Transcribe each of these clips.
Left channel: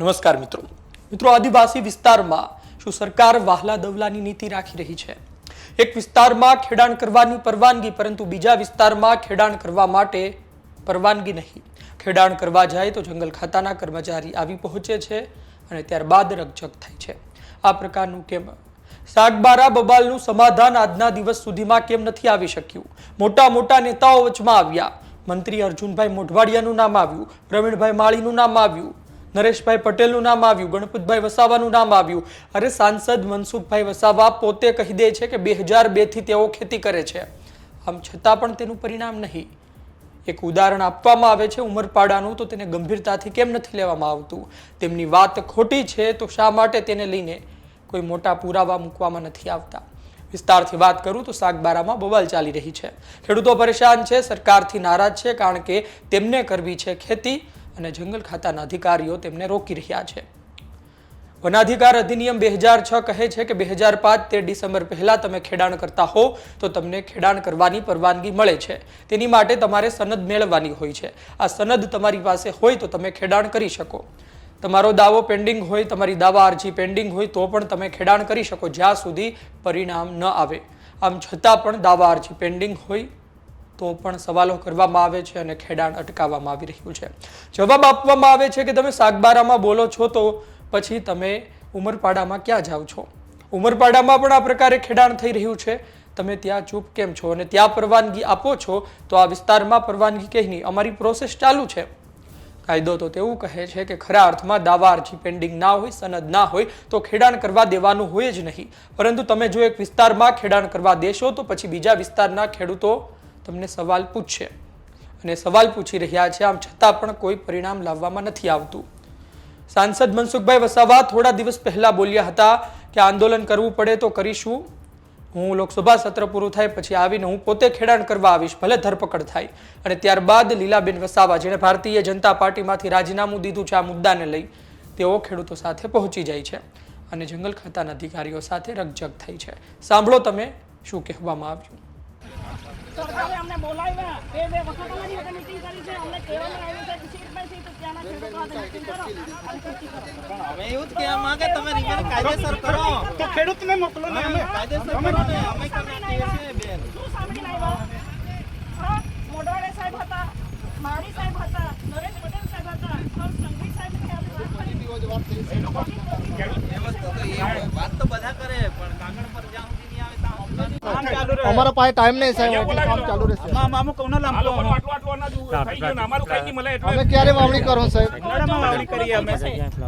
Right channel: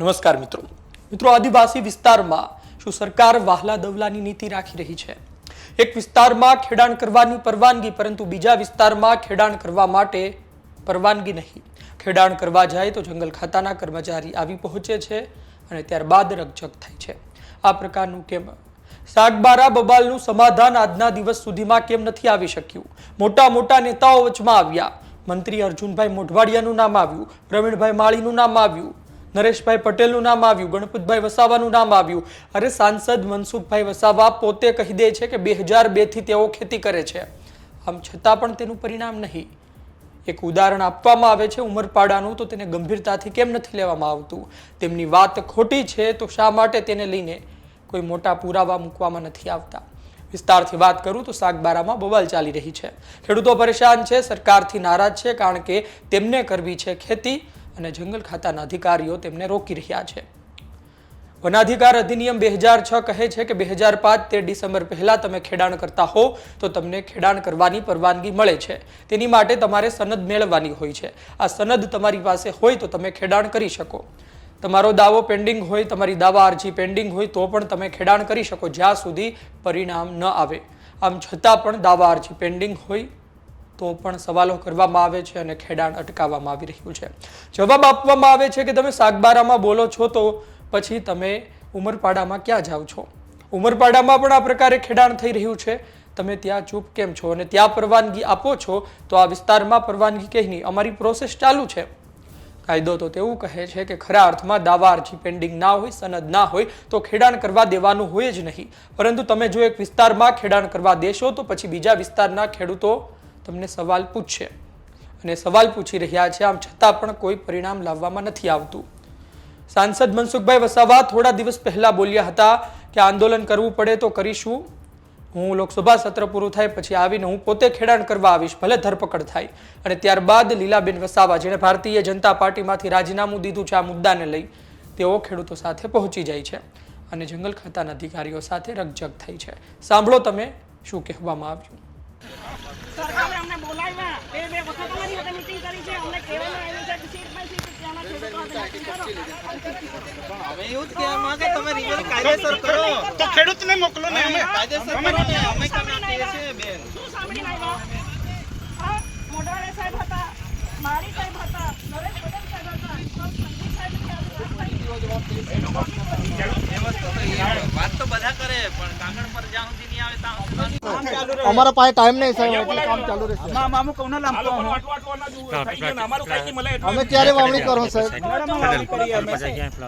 નમસ્કાર મિત્રો આદિવાસી વિસ્તારમાં શું સરકાર વહાલા દવલાની નીતિ રાખી રહી છે? એક વિસ્તારમાં ખેડાણ કરવાની પરવાનગી, પરંતુ બીજા વિસ્તારમાં ખેડાણ કરવા માટે પરવાનગી નહીં. ખેડાણ કરવા જાય તો જંગલ ખાતાના કર્મચારી આવી પહોંચે છે અને ત્યારબાદ રકઝક થાય છે. આ પ્રકારનું કેમ? સાગબારા બબાલનું સમાધાન આજના દિવસ સુધીમાં કેમ નથી આવી શક્યું? મોટા નેતાઓ વચમાં આવ્યા. મંત્રી અર્જુનભાઈ મોઢવાડિયાનું નામ આવ્યું, પ્રવીણભાઈ માળીનું નામ આવ્યું, નરેશભાઈ પટેલનું નામ આવ્યું, ગણપતભાઈ વસાવાનું નામ આવ્યું. અરે સાંસદ મનસુખભાઈ વસાવા પોતે કહી દે છે કે 2002 થી તેઓ ખેતી કરે છે. આમ છતાં પણ તેનું પરિણામ નહીં. એક ઉદાહરણ આપવામાં આવે છે ઉમરપાડાનું, તો તેને ગંભીરતાથી કેમ નથી લેવામાં આવતું? તેમની વાત ખોટી છે તો શા માટે તેને લઈને કોઈ મોટા પુરાવા મૂકવામાં નથી આવતા? વિસ્તારથી વાત કરું તો સાગબારામાં બવાલ ચાલી રહી છે. ખેડૂતો પરેશાન છે, સરકારથી નારાજ છે, કારણ કે તેમને કરવી છે ખેતી અને જંગલ ખાતાના અધિકારીઓ તેમને રોકી રહ્યા છે. વનાધિકાર અધિનિયમ 2006 કહે છે કે 2005 તે ડિસેમ્બર પહેલા તમે ખેડાણ કરતા હો તો તમને ખેડાણ કરવાની પરવાનગી મળે છે. તેની માટે તમારે સનદ મેળવવાની હોય છે. આ સનદ તમારી પાસે હોય તો તમે ખેડાણ કરી શકો. તમારો દાવો પેન્ડિંગ હોય, તમારી દાવા અરજી પેન્ડિંગ હોય તો પણ તમે ખેડાણ કરી શકો જ્યાં સુધી પરિણામ ન આવે. આમ છતાં પણ દાવા અરજી પેન્ડિંગ હોય તો પણ સવાલો કરવામાં આવે છે અને ખેડાણ અટકાવવામાં આવી રહ્યું છે. જવાબ આપવામાં આવે છે કે તમે સાગબારામાં બોલો છો તો પછી તમે ઉમરપાડામાં ક્યાં જાઓ છો? ઉમરપાડામાં પણ આ પ્રકારે ખેડાણ થઈ રહ્યું છે. તમે ત્યાં ચૂપ કેમ છો? અને ત્યાં પરવાનગી આપો છો તો આ વિસ્તારમાં પરવાનગી કઈ નહીં, અમારી પ્રોસેસ ચાલુ છે. કાયદો તો તેવું કહે છે કે ખરા અર્થમાં દાવા અરજી પેન્ડિંગ ના હોય, સનદ ના હોય તો ખેડાણ કરવા દેવાનું હોય જ નહીં. પરંતુ તમે જો એક વિસ્તારમાં ખેડાણ કરવા દેશો તો પછી બીજા વિસ્તારના ખેડૂતો તમને સવાલ પૂછશે અને સવાલ પૂછી રહ્યા છે. આમ છતાં પણ કોઈ પરિણામ લાવવામાં નથી આવતું. સાંસદ મનસુખભાઈ વસાવા થોડા દિવસ પહેલા બોલ્યા હતા કે આંદોલન કરવું પડે તો કરીશું. હું લોકસભા સત્ર પૂરું થાય પછી આવીને હું પોતે ખેડાણ કરવા આવીશ, ભલે ધરપકડ થાય. અને ત્યારબાદ લીલાબેન વસાવા, જેણે ભારતીય જનતા પાર્ટીમાંથી રાજીનામું દીધું છે આ મુદ્દાને લઈ, તેઓ ખેડૂતો સાથે પહોંચી જાય છે અને જંગલ ખાતાના અધિકારીઓ સાથે રકઝક થઈ છે. સાંભળો તમે શું કહેવામાં આવ્યું. સરકારે અમને બોલાવ્યા, બે વખત અમારી સાથે મીટિંગ કરી છે. અમને કહેવામાં આવ્યું છે કે સીરભાઈ કે ત્યાંના ખેડૂતો સાથે મીટિંગ કરો અને ખેતી કરો. પણ હવે એવું જ કહેવા માંગે તમે રિઝલ્ટ કાયદેસર કરો તો ખેડૂતને મોકલો ને. અમે કાયદેસર કરો ને અમે કરનાટીએ છે બેન. શું સાંભળીને આવ્યા? મોઢવાડિયા સાહેબ હતા, મારી સાહેબ હતા, નરેશ પટેલ સાહેબ હતા, સંદીપ સાહેબ વાત તો બધા કરે પણ કાગળ પર જ્યાં સુધી નહીં આવે ત્યાં हमारा पास टाइम नहीं सर, काम चालू રહેશે. મામુ કોનો લામ તો આટલો ના થઈ ગયો ને અમારું કઈ મળે એટલે અમે ક્યારે વાવણી કરો સાહેબ? નડામાં વાવણી કરીએ અમે.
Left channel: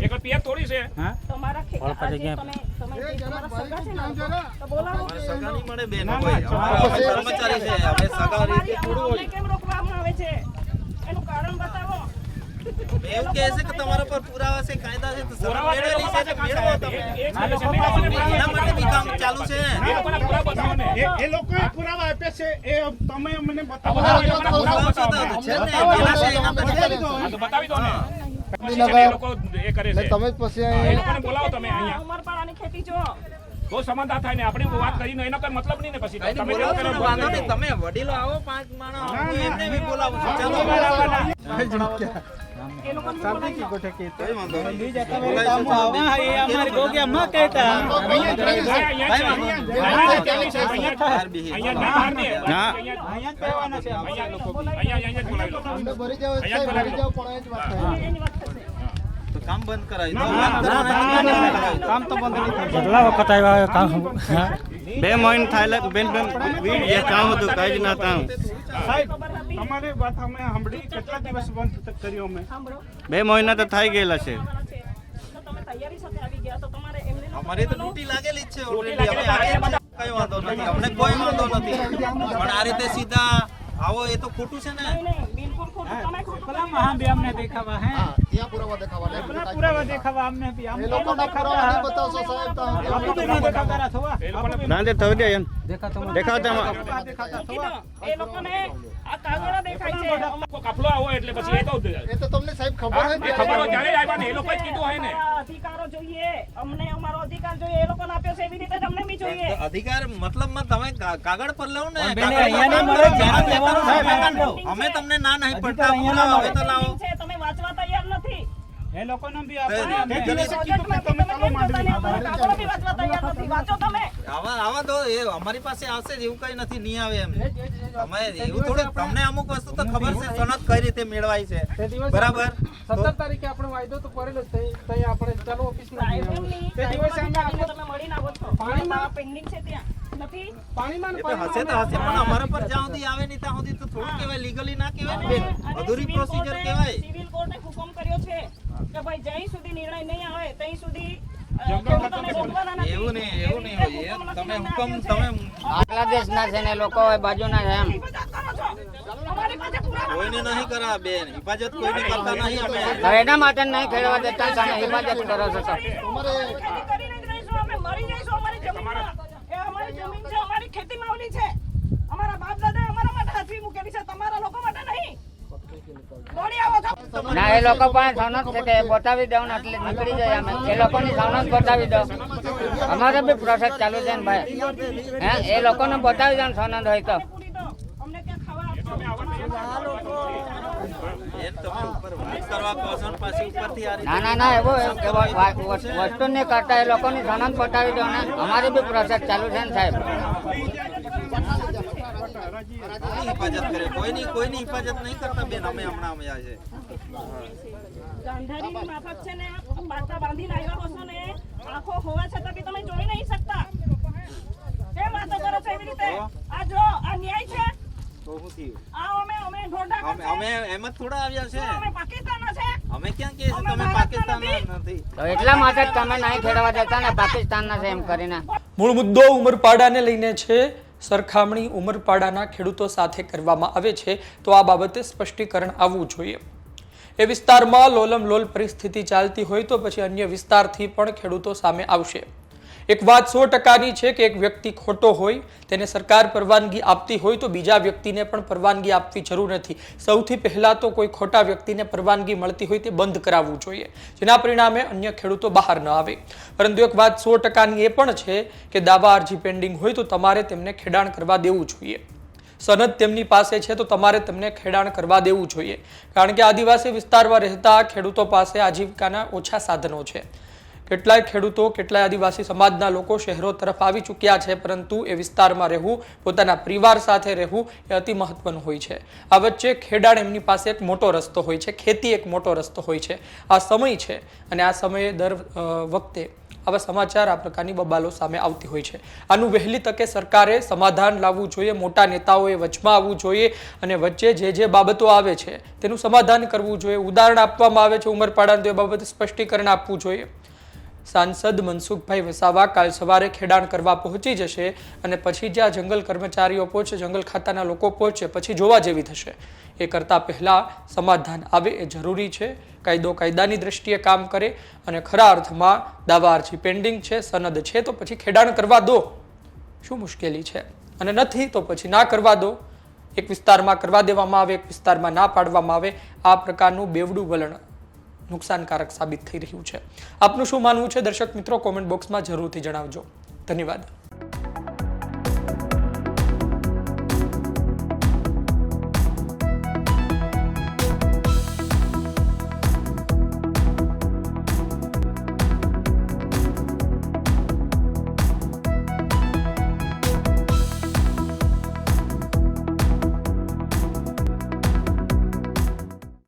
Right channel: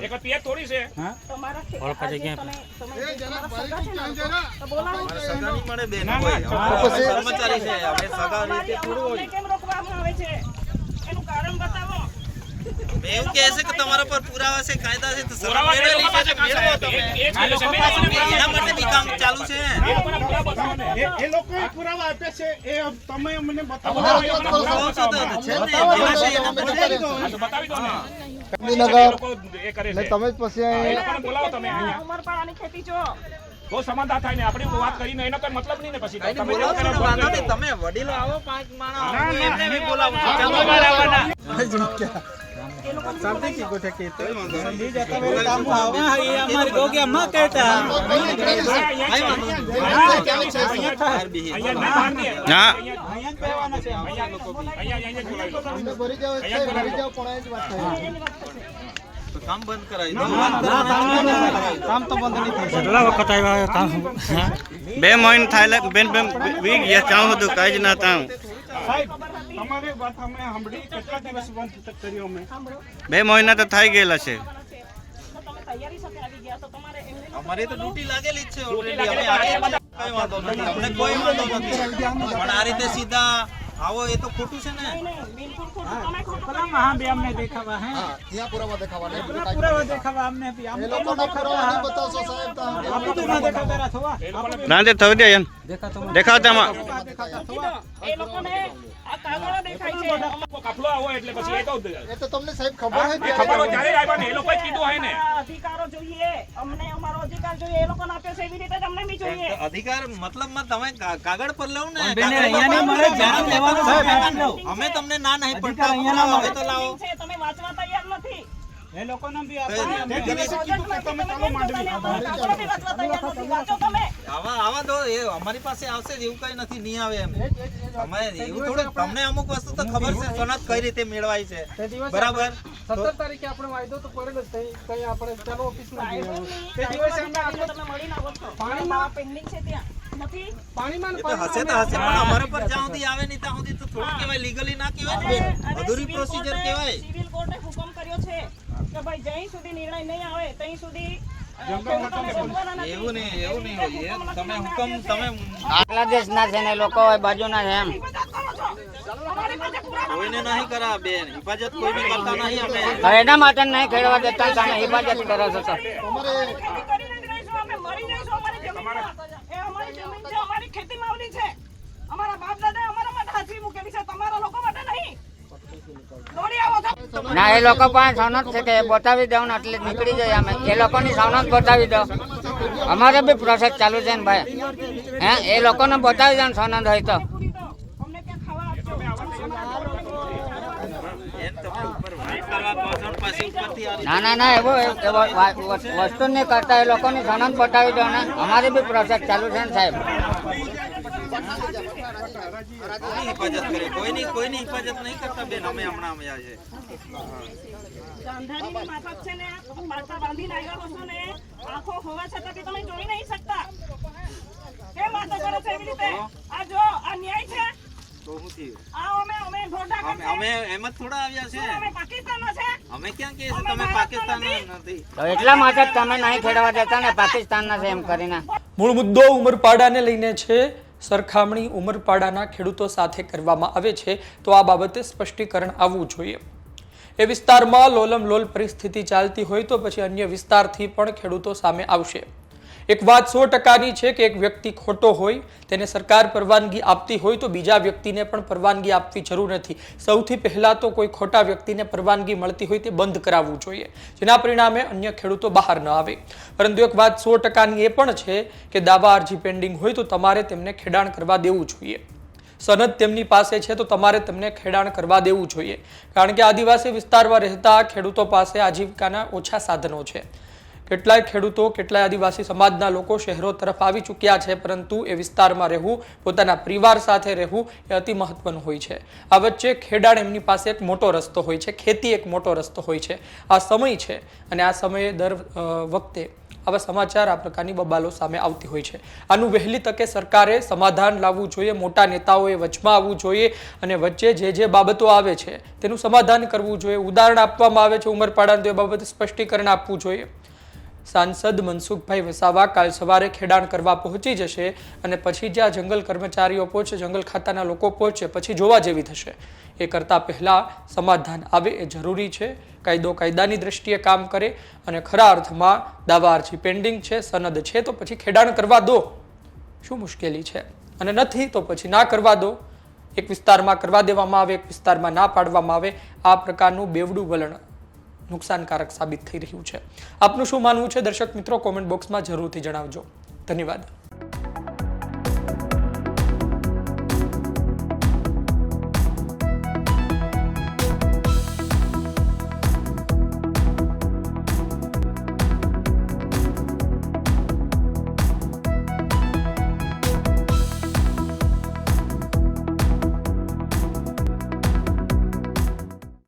એક પિયર થોડી છે. હા તમારા ખેતી મળે બેન. અમે કર્મચારી છે, અમે સગા રીતે થોડું કેમ રોકવામાં આવે છે એનું કારણ બતાવો. એવું કહે છે કે તમારા પર પુરાવા છે, કાયદા છે, તો સરકાર મેળવેલી છે તો મેળવો તમે. એના માટે બી કામ ચાલુ છે. એ લોકો પુરાવા આપે છે, એ તમે મને બતાવો. પુરાવા છે તો છે ને, એના છે એના પછી બતાવી દો ને. ગાંધીનગર એ લોકો એ કરે છે. તમે જ પછી એ લોકોને બોલાવો તમે અહીંયા. ઉમરપાડાની ખેતી જો તો સમાધાન થાય ને આપણી વાત કરીને એનો કોઈ મતલબ નહીં ને પછી કાંઈ નહીં બોલાવો છો, વાંધો નહીં. તમે વડીલો આવો, 5 માણસ આવો, એમને બી બોલાવો. ચાલો એ લોકોને બોલાવી લો. કોઈ વાંધો નહીં. બોલાવીશું બેન. એને કહો કે અમ્મા કહેતા ભાઈ અમને ભરી જાવ સાહેબ, ભરી જાવ પણ એ જ વાત થાય. એની વાત થશે. તો કામ બંધ કરાવી દો. વાત કરવાના કામ તો બંધ નહીં થાય. કેટલા વખત આવ્યા કામ? 2 મહિના થાય બેન વીક ગયા કામ હતું કઈ જ ના તામ. સાહેબ તમારી વાત અમે સાંભળી. કેટલા દિવસ બંધ કર્યો અમે? સાંભળો, 2 મહિના તો થઈ ગયેલા છે. તો તમે તૈયારી સાથે આવી ગયા તો તમારે એમને અમારી તો ડ્યુટી લાગેલી જ છે ઓલરેડી. અમે આવીએ છીએ, કઈ વાંધો નથી, અમને કોઈ વાંધો નથી. પણ આ રીતે સીધા આવો એ તો ખોટું છે ને. નહીં, બિલકુલ ખોટું. તમે ખોટું वहाँ भी हमने देखा हुआ है, ત્યાં પુરાવા દેખાવાના. पूरा देखा हुआ हमने भी. એ લોકોના પુરાવા નહીં બતાવશો સાહેબ તો हमको भी ना देखा करा था. રાંધે થવી દે એમ દેખાવતામાં એ લોકોને આ કાગળો દેખાય છે. કાફલો આવો એટલે પછી એ તો એ તો તમને સાહેબ ખબર હોય કે ખબર હોય ત્યારે આવ્યા ને એ લોકોએ કીધું હોય ને. અધિકારો જોઈએ, અમને અમારો અધિકાર જોઈએ. એ લોકોને આપ્યો છે એવી રીતે જ અમને બી જોઈએ. અધિકાર મતલબમાં તમે કાગળ પર લાવો ને. બેન, કાગળ પર અહીંયા કામ મારે કરો, જાણ જાણ લેવાનું લેવાનું છે, છે. અમે તમને ના નહીં પડતા પુરાવા હવે તો લાવો. છે, તમે વાંચવા તૈયાર નથી. એ લોકોને બી કઈ આપણે લીગલી પ્રોજેક્ટમાંથી તમે કેમ જોતા નહીં? અમારા કાગળો બી વાંચવા તૈયાર નથી. વાંચો તમે. આવા દો એ અમારી પાસે આવશે જ એવું કઈ નથી નહીં આવે એમ અમે એવું થોડું તમને અમુક વસ્તુ તો ખબર છે સનદ કઈ રીતે મેળવાય છે બરાબર 17 તારીખે આપણે વાયદો તો કરેલો જ તઈ આપણે ચાલો ઓફિસમાં જઈએ. સાહેબની તે દિવસે અમને કાગળો તમે મળીને આવો છો. પાણીમાં પેન્ડિંગ છે ત્યાં નથી. પાણીમાં એ તો હશે તો હશે પણ અમારા પર જ્યાં સુધી આવે નહીં ત્યાં સુધી તો થોડું કહેવાય લીગલી ના કહેવાય ને બેન અધૂરી પ્રોસિજર કહેવાય સિવિલ કોર્ટે હુકમ કર્યો છે કે ભાઈ જ્યાં સુધી નિર્ણય નહીં આવે ત્યાં સુધી ખેડૂતોને બોલવાના નથી. એવું નહીં હોય એ તમે હુકમ તમે આટલા દેશના છે ને લોકો બાજુના છે એમ હિફાજત કરો છો. અમારી પાસે પુરાવા કોઈને નહીં કરા બેન હિફાજત કોઈની કરતા નહીં અમે હવે એના માટે નહીં ખેડવા દેતા તમે હિફાજત કરો છો સર ખેતી કરીને જ રહીશું. અમે મરી જઈશું અમારી જમીનમાં. એ અમારી જમીન છે, અમારી ખેતી માવલી છે. અમારા બાપ દાદા અમારા માટે હાથવી મૂકેલી છે, તમારા લોકો માટે નહીં. દોડી આવો છો. ના એ લોકો પાસે સનદ છે કે બતાવી દઉં ને એટલે નીકળી જાય અમે એ લોકોની સનદ બતાવી દો અમારે બી પ્રોસેસ ચાલુ છે ને ભાઈ હે એ લોકોને બતાવી દો ને સનદ હોય તો પૂરી દો. અમને ત્યાં ખાવા આપજો. બેન તમે ઉપર વાત કરવા કહો છો ને પાછી ઉપરથી આ રીતે ના એવું વસ્તુ નહીં કરતા એ લોકોની સનદ બતાવી દો ને અમારી બી પ્રોસેસ ચાલુ છે ને સાહેબ હિફાજત કરે કોઈની હિફાજત નહીં કરતા બેન અમે હમણાં અમે આજે અંધારીની માફક છે ને પાટા બાંધીને આવ્યા છો ને આંખો હોવા છતાં બી તમે જોઈ નહીં શકતા. કેમ વાતો કરો છો એવી રીતે? આ જો આ ન્યાય છે. તો શું થયું આ અમે ઢોઢા અમે એમ જ થોડા આવ્યા છે અમે પાકિસ્તાનના છે. અમે ક્યાં કહીએ છીએ તમે પાકિસ્તાનના નથી તો એટલા માટે જ તમે નહીં ખેડવા દેતા ને પાકિસ્તાનના છે એમ કરીને મૂળ મુદ્દો ઉમરપાડાને લઈને છે. સરખામણી ઉમરપાડાના ખેડૂતો સાથે કરવામાં આવે છે તો આ બાબતે સ્પષ્ટીકરણ આવવું જોઈએ. એ વિસ્તારમાં લોલમલોલ પરિસ્થિતિ ચાલતી હોય તો પછી અન્ય વિસ્તારથી પણ ખેડૂતો સામે આવશે. એક વાત 100%ની છે કે એક વ્યક્તિ ખોટો હોય તેને સરકાર પરવાનગી આપતી હોય તો બીજા વ્યક્તિને પણ પરવાનગી આપવી જરૂર નથી. સૌથી પહેલા તો કોઈ ખોટા વ્યક્તિને પરવાનગી મળતી હોય તે બંધ કરાવવું જોઈએ જેના પરિણામે અન્ય ખેડૂતો બહાર ન આવે. પરંતુ એક વાત 100%ની એ પણ છે કે દાવા અરજી પેન્ડિંગ હોય તો તમારે તેમને ખેડાણ કરવા દેવું જોઈએ. સનદ તેમની પાસે છે તો તમારે તેમને ખેડાણ કરવા દેવું જોઈએ કારણ કે આદિવાસી વિસ્તારમાં રહેતા ખેડૂતો પાસે આજીવિકાના ઓછા સાધનો છે. કેટલાય ખેડૂતો કેટલાય આદિવાસી સમાજના લોકો શહેરો તરફ આવી ચૂક્યા છે પરંતુ એ વિસ્તારમાં રહેવું પોતાના પરિવાર સાથે રહેવું એ અતિ મહત્વનું હોય છે. આ વચ્ચે ખેડાણ એમની પાસે એક મોટો રસ્તો હોય છે, ખેતી એક મોટો રસ્તો હોય છે. આ સમય છે અને આ સમયે દર વખતે આવા સમાચાર આ પ્રકારની બબાલો સામે આવતી હોય છે. આનું વહેલી તકે સરકારે સમાધાન લાવવું જોઈએ. મોટા નેતાઓએ વચમાં આવવું જોઈએ અને વચ્ચે જે બાબતો આવે છે તેનું સમાધાન કરવું જોઈએ. ઉદાહરણ આપવામાં આવે છે ઉમરપાડાનું તો એ બાબતે સ્પષ્ટીકરણ આપવું જોઈએ. સાંસદ મનસુખભાઈ વસાવા કાલ સવારે ખેડાણ કરવા પહોંચી જશે અને પછી જ્યાં જંગલ કર્મચારીઓ પહોંચે, જંગલ ખાતાના લોકો પહોંચે, પછી જોવા જેવી થશે. એ કરતાં પહેલાં સમાધાન આવે એ જરૂરી છે. કાયદો કાયદાની દ્રષ્ટિએ કામ કરે અને ખરા અર્થમાં દાવા અરજી પેન્ડિંગ છે, સનદ છે તો પછી ખેડાણ કરવા દો. શું મુશ્કેલી છે? અને નથી તો પછી ના કરવા દો. એક વિસ્તારમાં કરવા દેવામાં આવે, એક વિસ્તારમાં ના પાડવામાં આવે. આ પ્રકારનું બેવડું વલણ નુકસાનકારક સાબિત થઈ રહ્યું છે. આપનું શું માનવું છે દર્શક મિત્રો? કોમેન્ટ બોક્સમાં જરૂરથી જણાવજો. ધન્યવાદ.